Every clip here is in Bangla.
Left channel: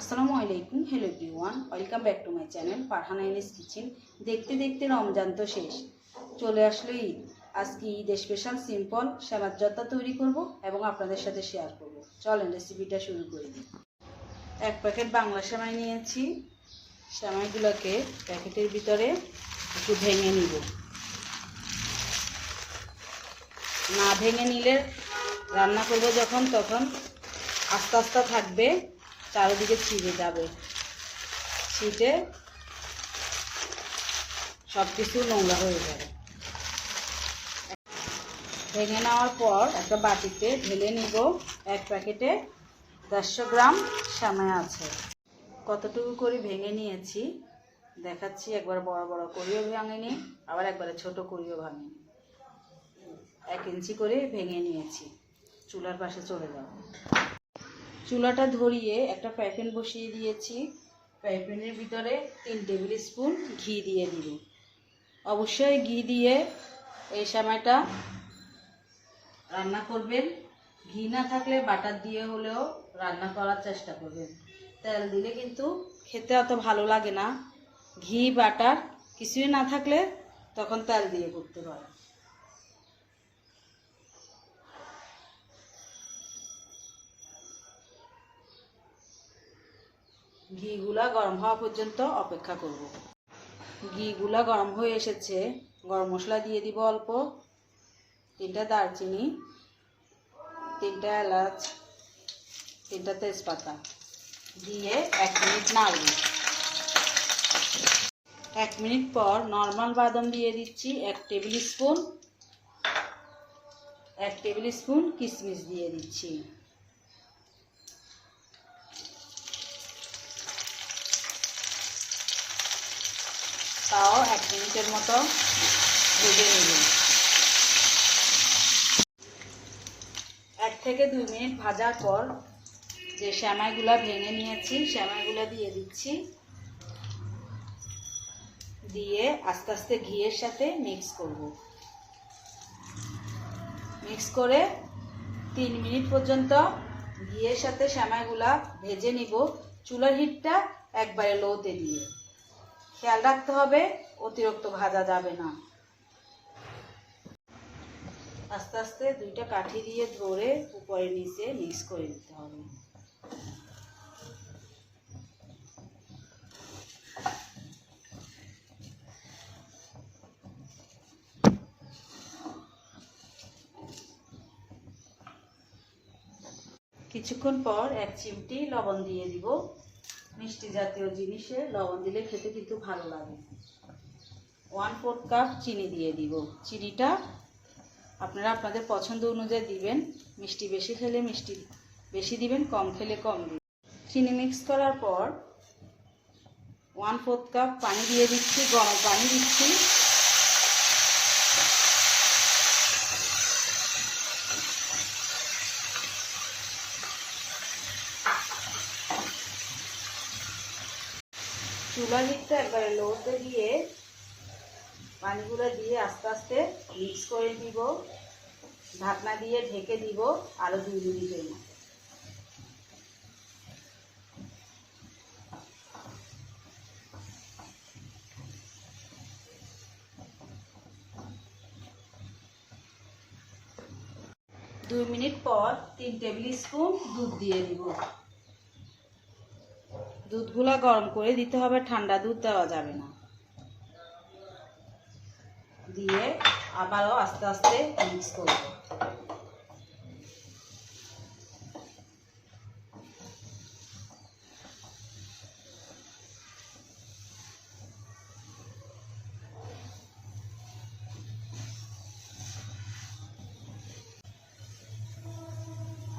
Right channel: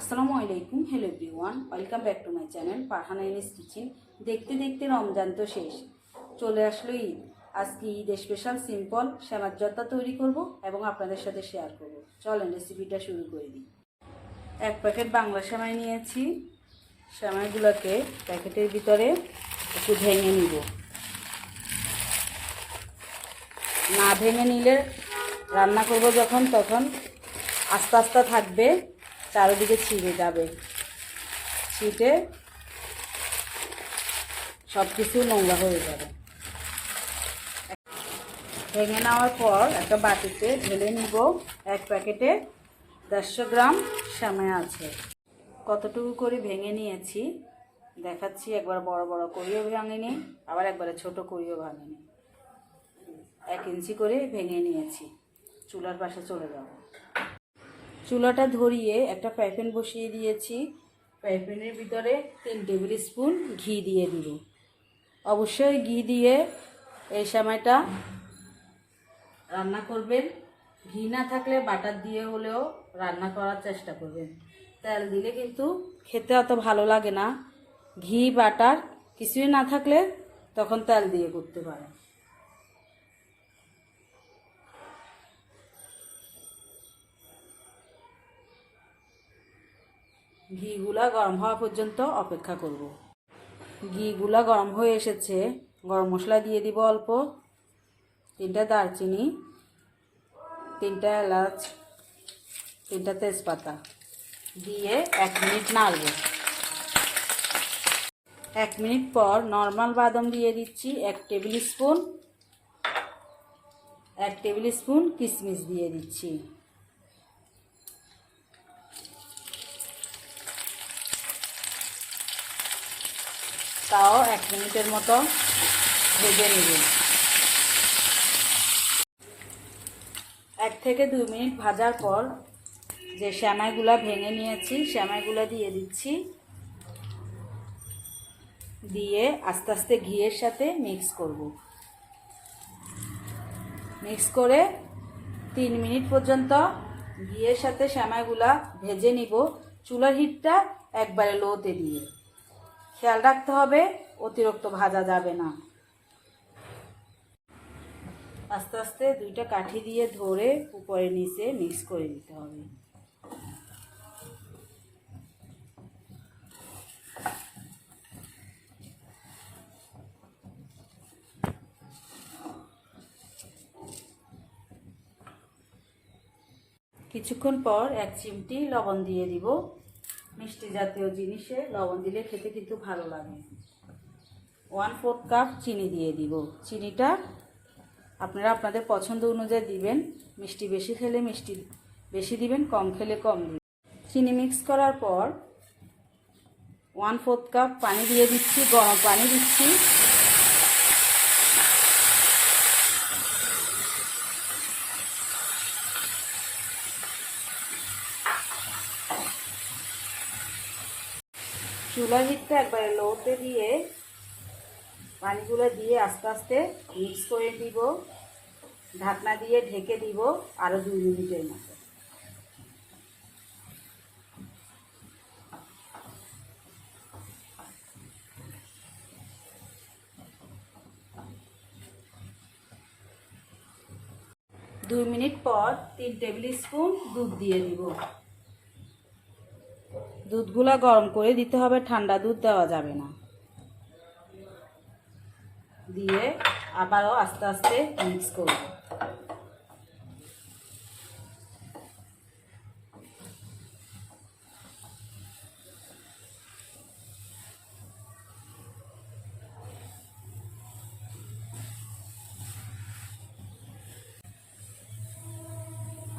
আসসালামু আলাইকুম। Hello everyone, welcome back to my channel Farhana Inis kitchen. দেখতে দেখতে রমজান তো শেষ, চলে আসলো ঈদ। আজকে ঈদের স্পেশাল সিম্পল সেমাই ভর্তা তৈরি করব এবং আপনাদের সাথে শেয়ার করব। চলেন রেসিপিটা শুরু করে দিই। এক প্যাকেট বাংলা সেমাই নিয়েছি। সেমাইগুলোকে প্যাকেটের ভিতরে একটু ভেঙে নিব। না ভেঙে নিলে রান্না করব যখন তখন আস্তে আস্তে থাকবে, চারিদিকে ছিঁড়ে যাবে, ছিটে সব কিছু নোংরা হয়ে যাবে। ভেঙে নেওয়ার পর একটা বাটিতে ঢেলে নিব। এক প্যাকেটে 150 গ্রাম সেমাই আছে। কতটুকু করে ভেঙে নিয়েছি দেখাচ্ছি। একবার বড় বড় করিও ভাঙিনি, আবার একবারে ছোট করিও ভাঙিনি। 1 ইঞ্চি করে ভেঙে নিয়েছি। চুলার পাশে চলে যাব। চুলাটা ধরিয়ে একটা ফ্রাই প্যান বসিয়ে দিয়েছি। ফ্রাই প্যানের ভিতরে 3 টেবিল স্পুন ঘি দিয়ে দিব। অবশ্যই ঘি দিয়ে এই সেমাইটা রান্না করবেন। ঘি না থাকলে বাটার দিয়ে হলেও রান্না করার চেষ্টা করবেন। তেল দিলে কিন্তু খেতে অত ভালো লাগে না। ঘি বাটার কিছুই না থাকলে তখন তেল দিয়ে করতে পারেন। ঘিগুলা গরম হওয়া পর্যন্ত অপেক্ষা করব। ঘিগুলা গরম হয়ে এসেছে। গরম মশলা দিয়ে দিব অল্প, 3টা দারচিনি, 3টা এলাচ, 3টা তেজপাতা দিয়ে 1 মিনিট নাড়ব। 1 মিনিট পর নর্মাল বাদাম দিয়ে দিচ্ছি 1 টেবিল স্পুন কিশমিশ দিয়ে দিচ্ছি। তাও 1 মিনিটের মতো ভেজে নেবেন। 1 থেকে 2 মিনিট ভাজার পর যে সেমাইগুলা ভেঙে নিয়েছি সেমাইগুলা দিয়ে দিচ্ছি। দিয়ে আস্তে আস্তে ঘিয়ের সাথে মিক্স করব। মিক্স করে 3 মিনিট পর্যন্ত ঘিয়ের সাথে সেমাইগুলা ভেজে নিব। চুলার হিটটা একবারে লোতে দিয়ে খেয়াল রাখতে হবে, অতিরিক্ত ভাজা যাবে না। আস্তে আস্তে 2টা কাঠি দিয়ে ধরে উপরে নিচে মিক্স করে দিতে হবে। কিছুক্ষণ পর 1 চিমটি লবণ দিয়ে দিব। মিষ্টি জাতীয় জিনিসে লবণ দিলে খেতে কিন্তু ভালো লাগে। 1/4 কাপ চিনি দিয়ে দিব। চিনিটা আপনারা আপনাদের পছন্দ অনুযায়ী দিবেন। মিষ্টি বেশি খেলে মিষ্টি বেশি দিবেন, কম খেলে কম দিবেন। চিনি মিক্স করার পর 1/4 কাপ পানি দিয়ে দিচ্ছি। গরম পানি দিচ্ছি। চুলার হিটটা একবারে লোতে দিয়ে পানিগুলো দিয়ে আস্তে আস্তে মিক্স করে দিব। ঢাকনা দিয়ে ঢেকে দিব আরো 2 মিনিটের মতো। দু মিনিট পর 3 টেবিল স্পুন দুধ দিয়ে দিব। দুধগুলা গরম করে দিতে হবে, ঠান্ডা দুধ দেওয়া যাবে না। দিয়ে আবারও আস্তে আস্তে মিক্স করব।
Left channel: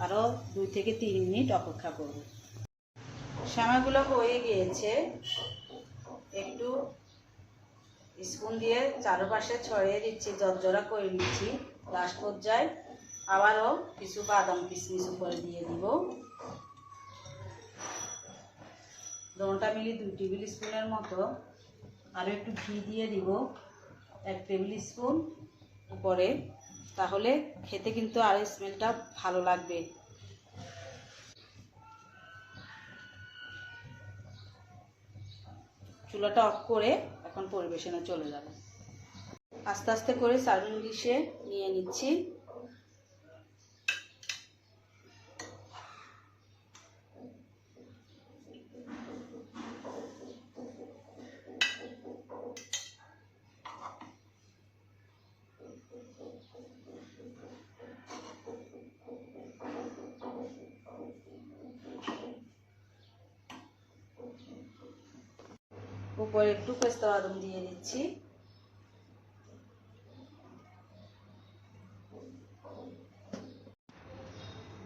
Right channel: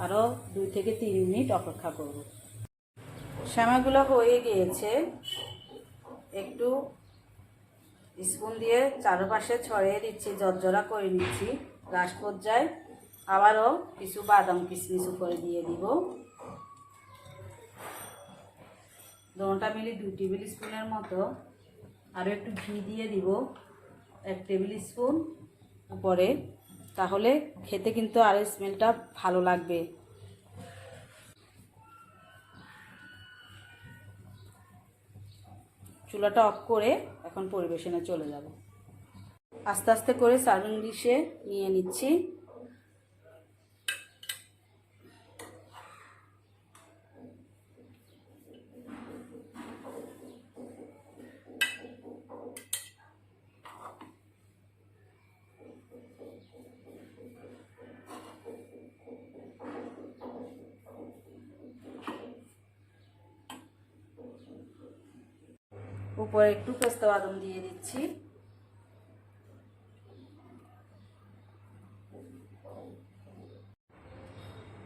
আরো 2 থেকে 3 মিনিট অপেক্ষা করব। সেমাইগুলো হয়ে গিয়েছে। একটু স্পুন দিয়ে চারপাশে ছড়িয়ে দিচ্ছি, জর্জরা করে নিচ্ছি। লাস্ট পর্যায়ে আবারও কিছু বাদাম কিশমিশ উপরে দিয়ে দিব। দোনটা মিলি 2 টেবিল স্পুনের মতো। আরও একটু ঘি দিয়ে দিব 1 টেবিল স্পুন উপরে, তাহলে খেতে কিন্তু আরও স্মেলটা ভালো লাগবে। চুলাটা অফ করে এখন পরিবেশনে চলে যাব। আস্তে আস্তে করে সার্ভিং ডিশে নিয়ে নিচ্ছি। উপরে একটু পেস্তা বাদাম দিয়ে দিচ্ছি।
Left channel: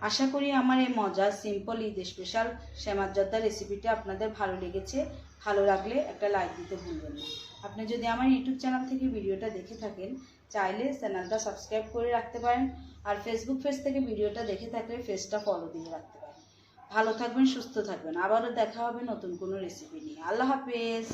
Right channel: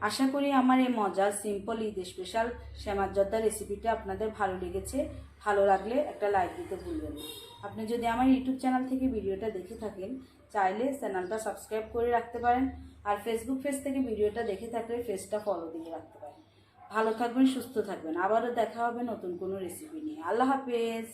আশা করি আমার এই মজার সিম্পল ঈদ স্পেশাল সেমাই জর্দা রেসিপিটা আপনাদের ভালো লেগেছে। ভালো লাগলে একটা লাইক দিতে ভুলবেন না। আপনি যদি আমার ইউটিউব চ্যানেল থেকে ভিডিওটা দেখে থাকেন, চাইলে চ্যানেলটা সাবস্ক্রাইব করে রাখতে পারেন। আর ফেসবুক পেজ থেকে ভিডিওটা দেখে থাকলে পেজটা ফলো দিয়ে রাখতে পারেন। ভালো থাকবেন, সুস্থ থাকবেন। আবারও দেখা হবে নতুন কোনো রেসিপি নিয়ে। আল্লাহ হাফেজ।